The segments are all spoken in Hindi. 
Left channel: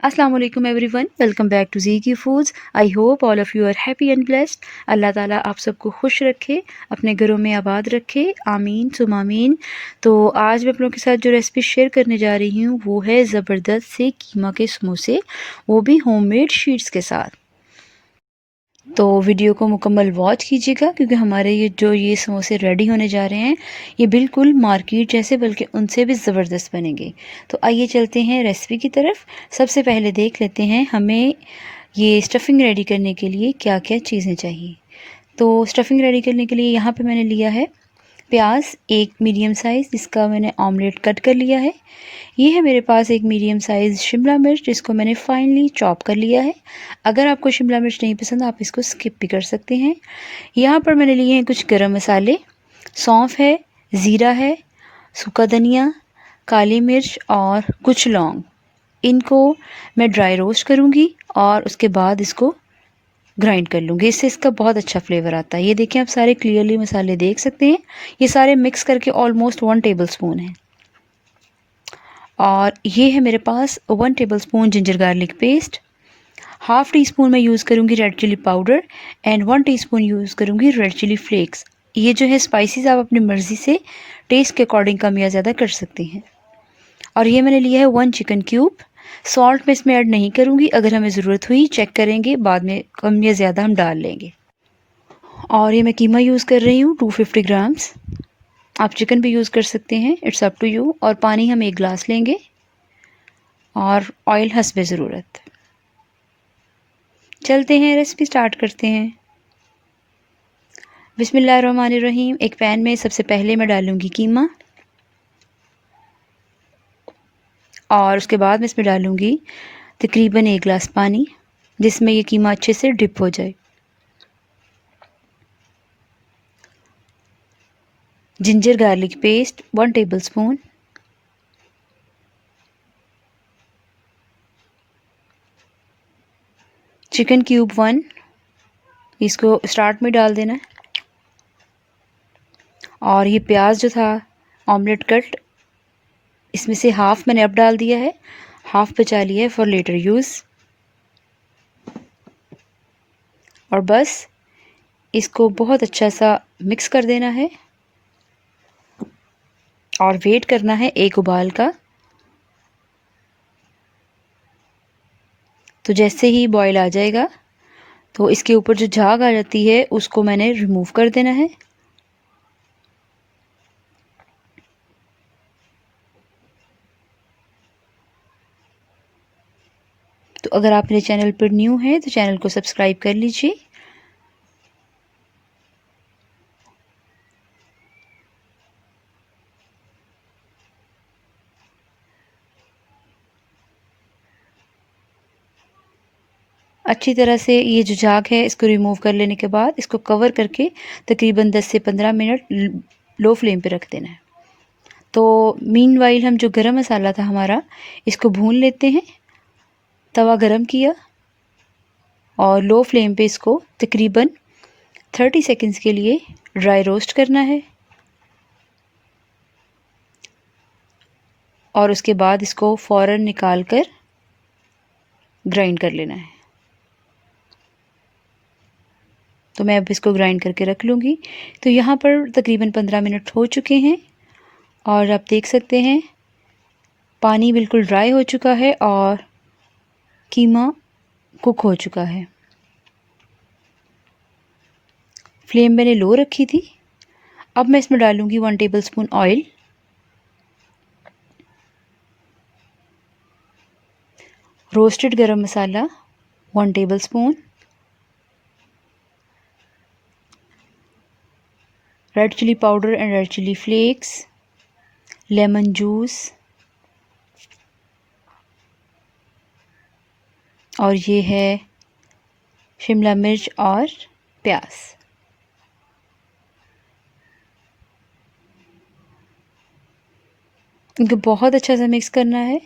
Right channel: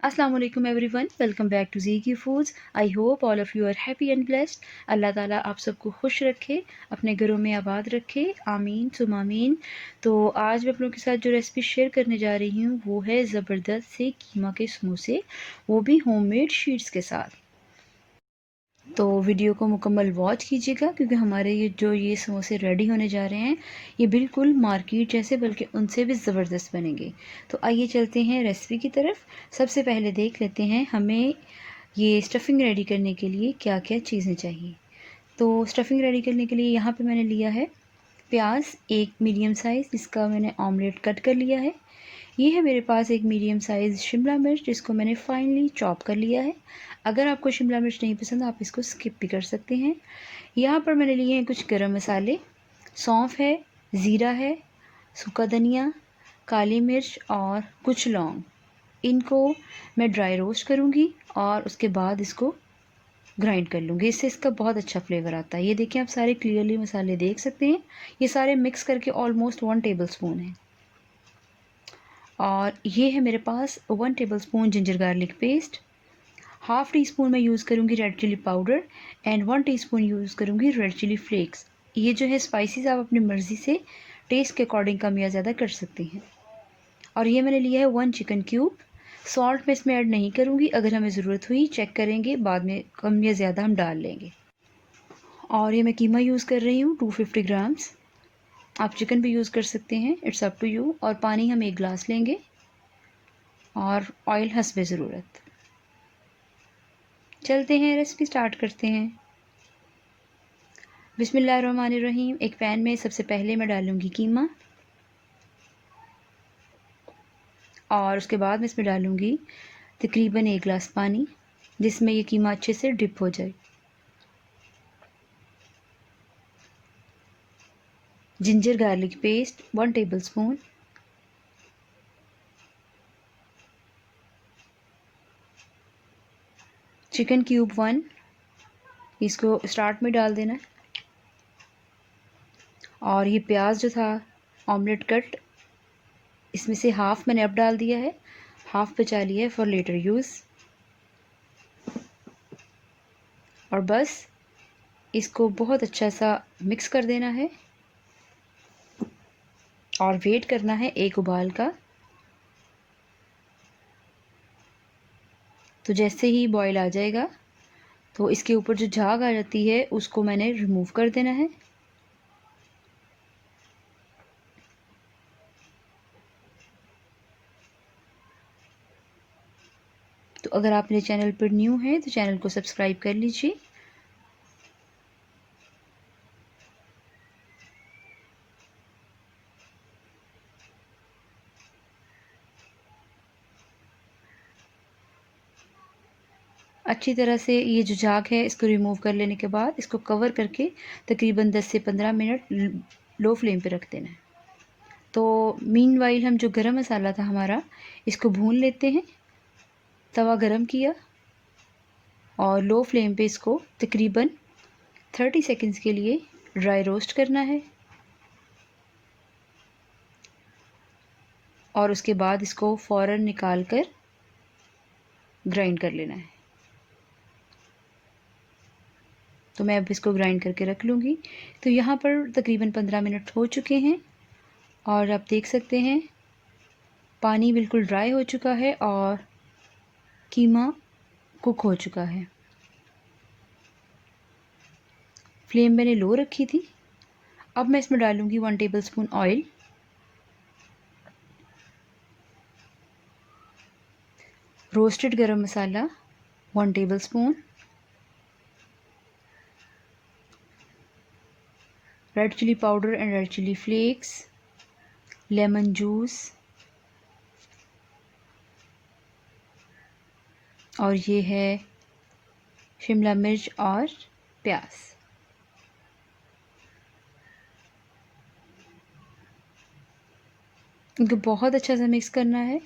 अस्सलाम वालेकुम everyone, welcome back to Zeeki foods. I hope all of you are happy and blessed. Allah ताला आप सबको खुश रखे, अपने घरों में आबाद रखे, आमीन सुम आमीन। तो आज मैं आप लोगों के साथ जो रेसिपी शेयर करने जा रही हूँ वो है ज़बरदस्त से कीमा के समोसे, वो भी होममेड शीट्स के साथ। तो वीडियो को मुकम्मल वॉच कीजिएगा क्योंकि हमारे ये समोसे रेडी होने जा रहे हैं, ये बिल्कुल मार्केट जैसे बल्कि उनसे भी ज़बरदस्त बनेंगे। तो आइए चलते हैं रेसिपी की तरफ। सबसे पहले देख लेते हैं हमें ये स्टफ़िंग रेडी करने के लिए क्या क्या चीज़ें चाहिए। तो स्टफ़िंग रेडी करने के लिए यहाँ पे मैंने लिया है प्याज एक मीडियम साइज़, जिसका मैंने ऑमलेट कट कर लिया है। ये है मेरे पास एक मीडियम साइज़ शिमला मिर्च, जिसको मैंने फाइनली चॉप कर लिया है। अगर आपको शिमला मिर्च नहीं पसंद आप इसको स्किप भी कर सकते हैं। यहाँ पर मैंने लिए हैं कुछ गरम मसाले, सौंफ है, ज़ीरा है, सूखा धनिया, काली मिर्च और कुछ लौंग। इनको मैं ड्राई रोस्ट करूँगी और उसके बाद इसको ग्राइंड कर लूँगी। इससे इसका बहुत अच्छा फ्लेवर आता है। ये देखिए आप सारे क्लियरली मसाले देख सकते हैं। ये सारे मिक्स करके ऑलमोस्ट 1 टेबलस्पून है। और ये है मेरे पास 1 tablespoon ginger garlic paste, half teaspoon मैं यूज़ करूँगी red chilli powder and 1 teaspoon use करूँगी रेड चिली फ्लेक्स। ये जो है स्पाइसेस आप अपनी मर्ज़ी से टेस्ट के अकॉर्डिंग कम या ज़्यादा कर सकते हैं। और ये मैंने लिया है 1 चिकन क्यूब। सॉल्ट मैं इसमें ऐड नहीं करूँगी, अगर हमें ज़रूरत हुई चेक करेंगे, बाद में कम या ज़्यादा हम डाल लेंगे। और ये मैं कीमा यूज़ कर रही हूँ 250 ग्राम्स। आप चिकन भी यूज़ कर सकते हैं, इट्स अप टू यू। और पानी हम 1 गिलास लेंगे और ऑयल हस्बे ज़रूरत। चलते हैं रेसिपी स्टार्ट करते हैं। बिस्मिल्लाहिर्रहमानिर्रहीम। एक पैन में सबसे पहले मैं डालूँगी कीमा और उसके बाद मैं इसमें डालूँगी तकरीबन 1 गिलास पानी, जिसमें ये कीमा अच्छे से डिप हो जाए। Ginger garlic paste 1 tablespoon, chicken cube 1, इसको स्टार्ट में डाल देना है। और ये प्याज जो था ऑमलेट कट, इसमें से हाफ़ मैंने अब डाल दिया है, हाफ़ बचा लिया है फॉर लेटर यूज़। और बस इसको बहुत अच्छा सा मिक्स कर देना है और वेट करना है एक उबाल का। तो जैसे ही बॉयल आ जाएगा तो इसके ऊपर जो झाग आ जाती है उसको मैंने रिमूव कर देना है। तो अगर आप मेरे चैनल पर न्यू हैं तो चैनल को सब्सक्राइब कर लीजिए। अच्छी तरह से ये जो झाग है इसको रिमूव कर लेने के बाद इसको कवर करके तकरीबन 10 से 15 मिनट लो फ्लेम पे रख देना है। तो मीनवाइल हम जो गरम मसाला था हमारा, इसको भून लेते हैं। तवा गरम किया और लो फ्लेम पे इसको तकरीबन 30 सेकंड्स के लिए ड्राई रोस्ट करना है और उसके बाद इसको फ़ौरन निकाल कर ग्राइंड कर लेना है। तो मैं अब इसको ग्राइंड करके रख लूँगी। तो यहाँ पर तकरीबन 15 मिनट हो चुके हैं और आप देख सकते हैं पानी बिल्कुल ड्राई हो चुका है और कीमा कुक हो चुका है। फ्लेम मैंने लो रखी थी। अब मैं इसमें डालूँगी 1 tablespoon oil, roasted garam masala 1 tablespoon, red chilli powder and red chilli flakes, lemon juice और ये है शिमला मिर्च और प्याज। इनको बहुत अच्छा सा मिक्स करना है।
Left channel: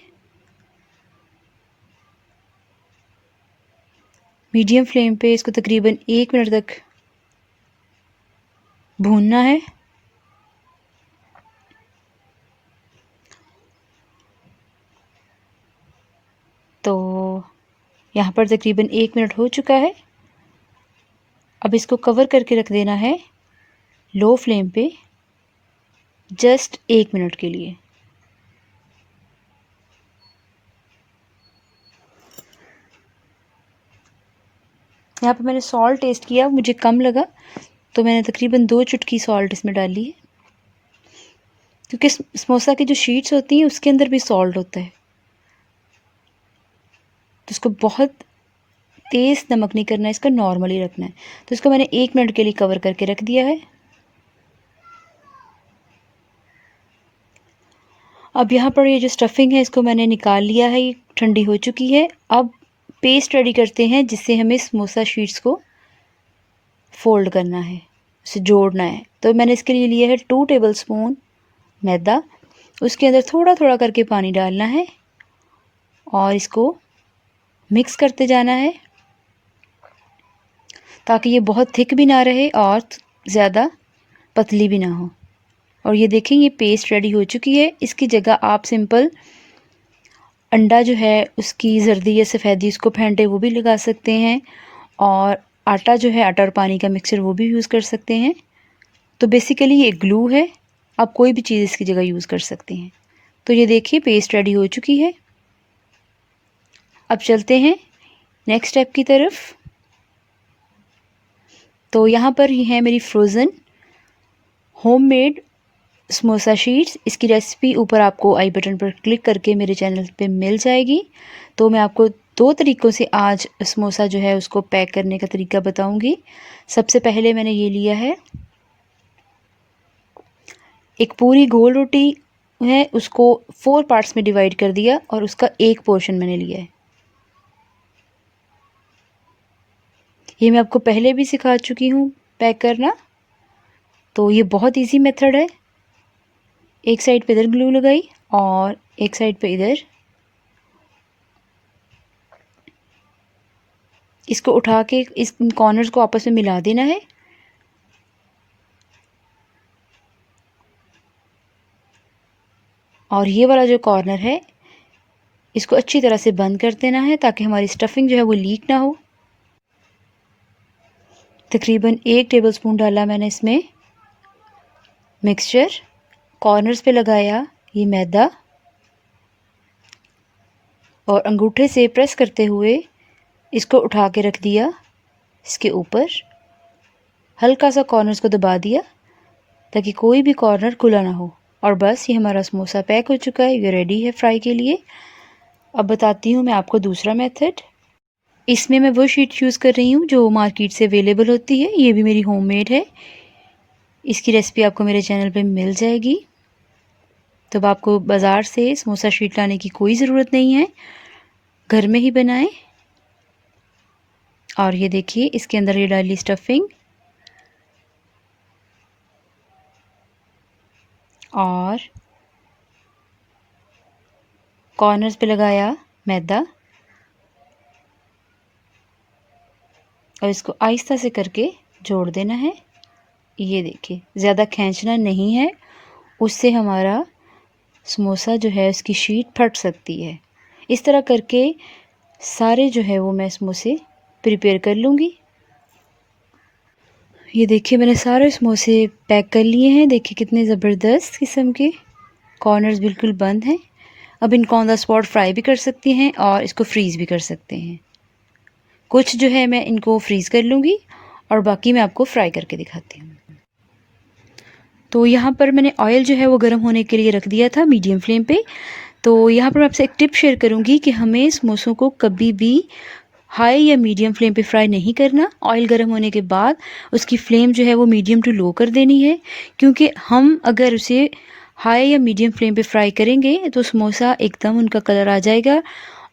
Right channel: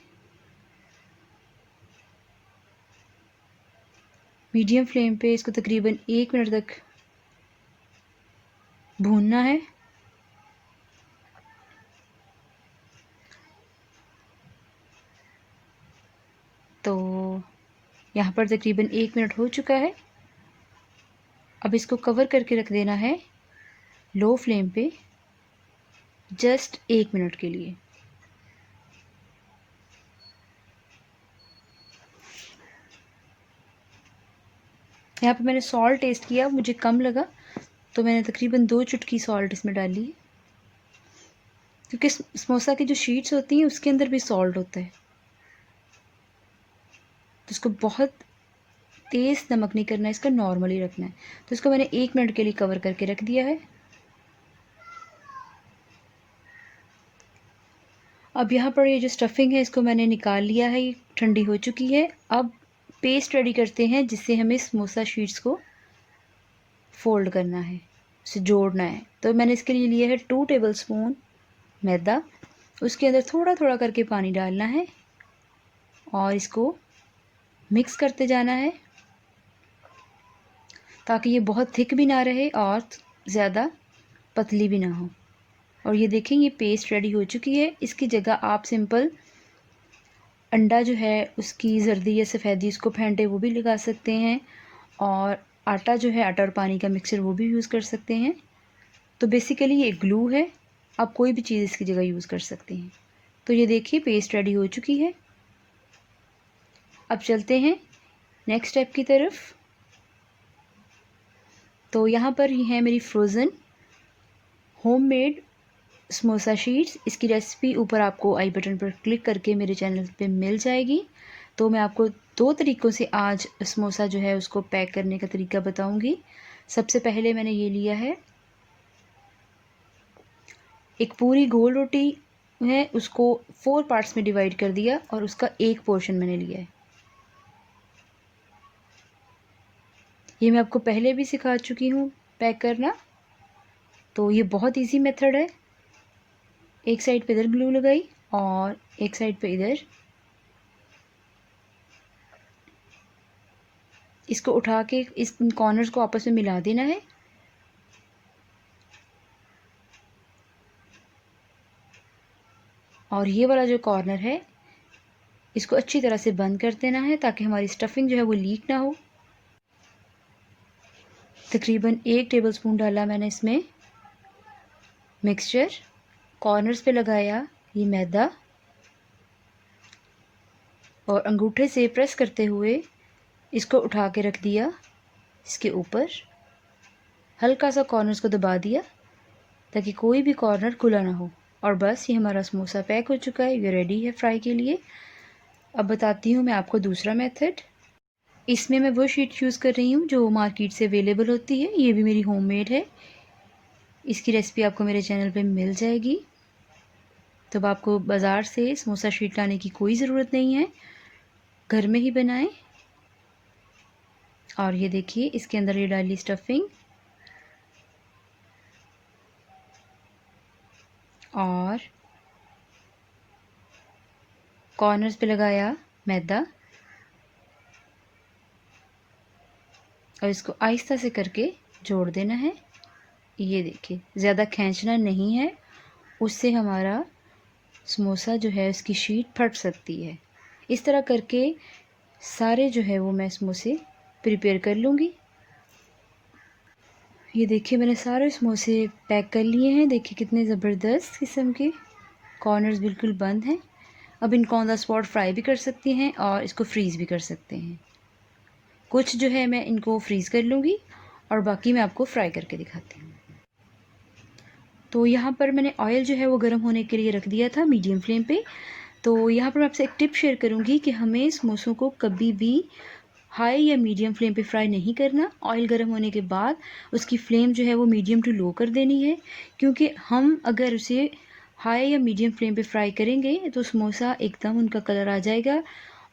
मीडियम फ्लेम पे इसको तकरीबन 1 मिनट तक भूनना है। तो यहाँ पर तकरीबन 1 मिनट हो चुका है। अब इसको कवर करके रख देना है लो फ्लेम पे जस्ट 1 मिनट के लिए। यहाँ पे मैंने सॉल्ट टेस्ट किया, मुझे कम लगा तो मैंने तकरीबन 2 चुटकी सॉल्ट इसमें डाली है, क्योंकि समोसा की जो शीट्स होती हैं उसके अंदर भी सॉल्ट होता है, तो इसको बहुत तेज़ नमक नहीं करना है, इसका नॉर्मली रखना है। तो इसको मैंने 1 मिनट के लिए कवर करके रख दिया है। अब यहाँ पर ये जो स्टफिंग है इसको मैंने निकाल लिया है, ये ठंडी हो चुकी है। अब पेस्ट रेडी करते हैं जिससे हमें समोसा शीट्स को फोल्ड करना है, उसे जोड़ना है। तो मैंने इसके लिए लिया है 2 टेबलस्पून मैदा, उसके अंदर थोड़ा थोड़ा करके पानी डालना है और इसको मिक्स करते जाना है ताकि ये बहुत थिक भी ना रहे और ज़्यादा पतली भी ना हो। और ये देखें ये पेस्ट रेडी हो चुकी है। इसकी जगह आप सिंपल अंडा जो है उसकी जर्दी या सफ़ेदी उसको फेंटे वो भी लगा सकते हैं, और आटा जो है आटा और पानी का मिक्सचर वो भी यूज़ कर सकते हैं। तो बेसिकली ये ग्लू है, आप कोई भी चीज़ इसकी जगह यूज़ कर सकते हैं। तो ये देखिए पेस्ट रेडी हो चुकी है। अब चलते हैं नेक्स्ट स्टेप की तरफ। तो यहाँ पर ये है मेरी फ्रोज़न होममेड समोसा शीट्स। इसकी रेसिपी ऊपर आपको आई बटन पर क्लिक करके मेरे चैनल पे मिल जाएगी। तो मैं आपको 2 तरीक़ों से आज समोसा जो है उसको पैक करने का तरीका बताऊंगी। सबसे पहले मैंने ये लिया है, एक पूरी गोल रोटी है, उसको 4 पार्ट्स में डिवाइड कर दिया और उसका एक पोर्शन मैंने लिया है। ये मैं आपको पहले भी सिखा चुकी हूँ पैक करना, तो ये बहुत इजी मेथड है। एक साइड पे इधर ग्लू लगाई और एक साइड पे इधर। इसको उठा के इस कॉर्नर्स को आपस में मिला देना है। और ये वाला जो कॉर्नर है इसको अच्छी तरह से बंद कर देना है ताकि हमारी स्टफिंग जो है वो लीक ना हो। तकरीबन 1 टेबलस्पून डाला मैंने इसमें मिक्सचर, कॉर्नर्स पे लगाया ये मैदा और अंगूठे से प्रेस करते हुए इसको उठा के रख दिया इसके ऊपर। हल्का सा कॉर्नर्स को दबा दिया ताकि कोई भी कॉर्नर खुला ना हो। और बस ये हमारा समोसा पैक हो चुका है, ये रेडी है फ्राई के लिए। अब बताती हूँ मैं आपको दूसरा मेथड। इसमें मैं वो शीट यूज़ कर रही हूँ जो मार्केट से अवेलेबल होती है, ये भी मेरी होममेड है। इसकी रेसिपी आपको मेरे चैनल पे मिल जाएगी। तो अब आपको बाज़ार से समोसा शीट लाने की कोई ज़रूरत नहीं है, घर में ही बनाएं। और ये देखिए इसके अंदर ये डाली स्टफिंग और कॉर्नर्स पे लगाया मैदा और इसको आहिस्ता से करके जोड़ देना है। ये देखिए ज़्यादा खींचना नहीं है, उससे हमारा समोसा जो है उसकी शीट फट सकती है। इस तरह करके सारे जो है वो मैं समोसे प्रिपेयर कर लूँगी। ये देखिए मैंने सारे समोसे पैक कर लिए हैं। देखिए कितने ज़बरदस्त किस्म के कॉर्नर्स बिल्कुल बंद हैं। अब इनको ऑन द स्पॉट फ्राई भी कर सकते हैं और इसको फ्रीज़ भी कर सकते हैं। कुछ जो है मैं इनको फ्रीज़ कर लूँगी और बाकी मैं आपको फ्राई करके दिखाती हूँ। तो यहाँ पर मैंने ऑयल जो है वो गर्म होने के लिए रख दिया था मीडियम फ्लेम पे। तो यहाँ पर मैं आपसे एक टिप शेयर करूँगी कि हमें समोसों को कभी भी हाई या मीडियम फ्लेम पे फ्राई नहीं करना। ऑयल गर्म होने के बाद उसकी फ्लेम जो है वो मीडियम टू लो कर देनी है, क्योंकि हम अगर उसे हाई या मीडियम फ्लेम पे फ्राई करेंगे तो समोसा एकदम उनका कलर आ जाएगा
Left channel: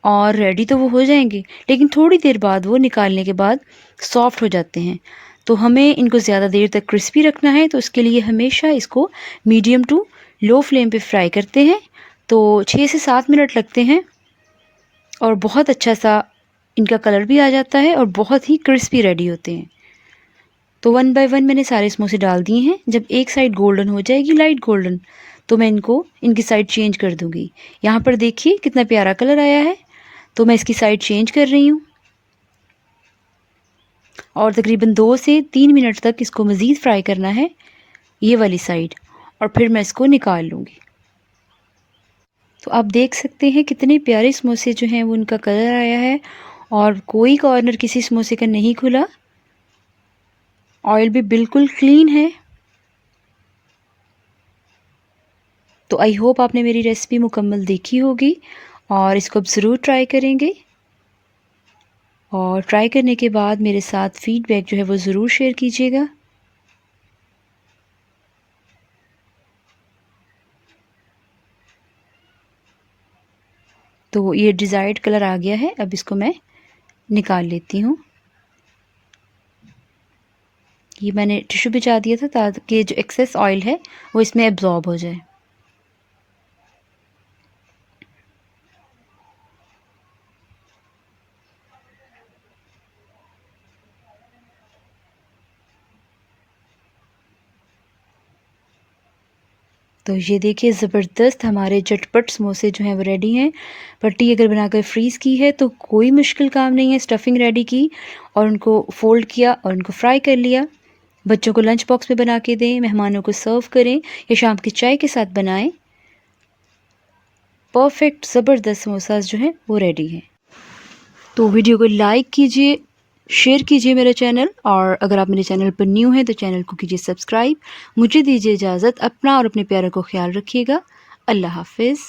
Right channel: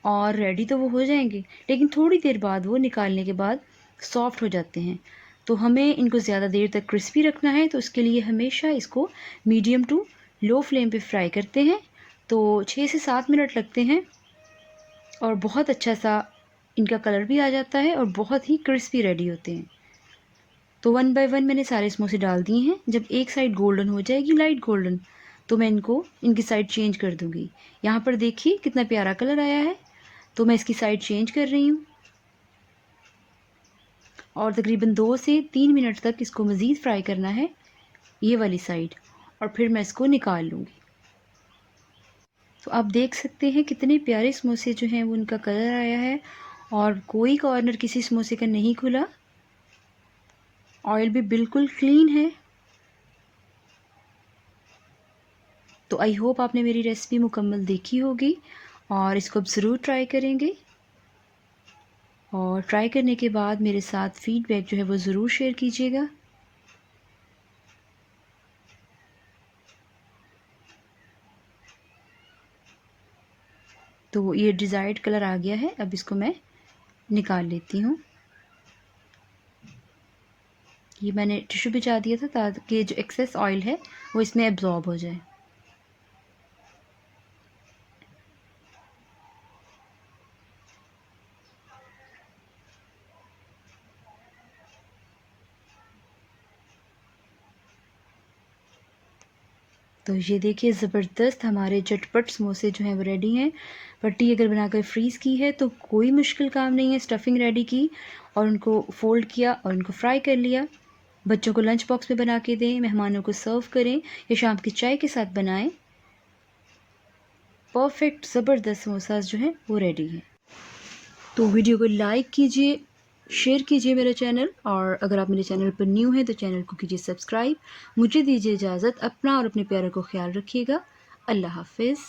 और रेडी तो वो हो जाएंगे, लेकिन थोड़ी देर बाद वो निकालने के बाद सॉफ्ट हो जाते हैं। तो हमें इनको ज़्यादा देर तक क्रिस्पी रखना है, तो इसके लिए हमेशा इसको मीडियम टू लो फ्लेम पे फ्राई करते हैं। तो 6 से 7 मिनट लगते हैं और बहुत अच्छा सा इनका कलर भी आ जाता है और बहुत ही क्रिस्पी रेडी होते हैं। तो 1 बाय 1 मैंने सारे समोसे डाल दिए हैं। जब एक साइड गोल्डन हो जाएगी, लाइट गोल्डन, तो मैं इनकी साइड चेंज कर दूँगी। यहाँ पर देखिए कितना प्यारा कलर आया है। तो मैं इसकी साइड चेंज कर रही हूँ। और तकरीबन 2 से 3 मिनट तक इसको मज़ीद फ्राई करना है, ये वाली साइड, और फिर मैं इसको निकाल लूँगी। तो आप देख सकते हैं कितने प्यारे समोसे जो हैं वो उनका कलर आया है और कोई कॉर्नर किसी समोसे का नहीं खुला। ऑयल भी बिल्कुल क्लीन है। तो आई होप आपने मेरी रेसिपी मुकम्मल देखी होगी और इसको अब ज़रूर ट्राई करेंगे। और ट्राई करने के बाद मेरे साथ फ़ीडबैक जो है वो ज़रूर शेयर कीजिएगा। तो ये डिज़ायर्ड कलर आ गया है, अब इसको मैं निकाल लेती हूँ। ये मैंने टिश्यू बिछा दिया था ताकि जो एक्सेस ऑयल है वो इसमें एब्ज़ॉर्ब हो जाए। तो ये देखिए ज़बरदस्त हमारे झटपट समोसे जो हैं वो रेडी हैं। पट्टी अगर बनाकर फ्रीज़ की है तो कोई मुश्किल काम नहीं है। स्टफिंग रेडी की और उनको फ़ोल्ड किया और उनको फ्राई कर लिया। बच्चों को लंच बॉक्स में बना के दें, मेहमानों को सर्व करें या शाम की चाय के साथ बनाएं। परफेक्ट ज़बरदस्त समोसास जो हैं वो रेडी हैं। तो वीडियो को लाइक कीजिए, शेयर कीजिए मेरा चैनल, और अगर आप मेरे चैनल पर न्यू हैं तो चैनल को कीजिए सब्सक्राइब। मुझे दीजिए इजाज़त। अपना और अपने प्यारों को ख्याल रखिएगा। अल्लाह हाफ़िज़।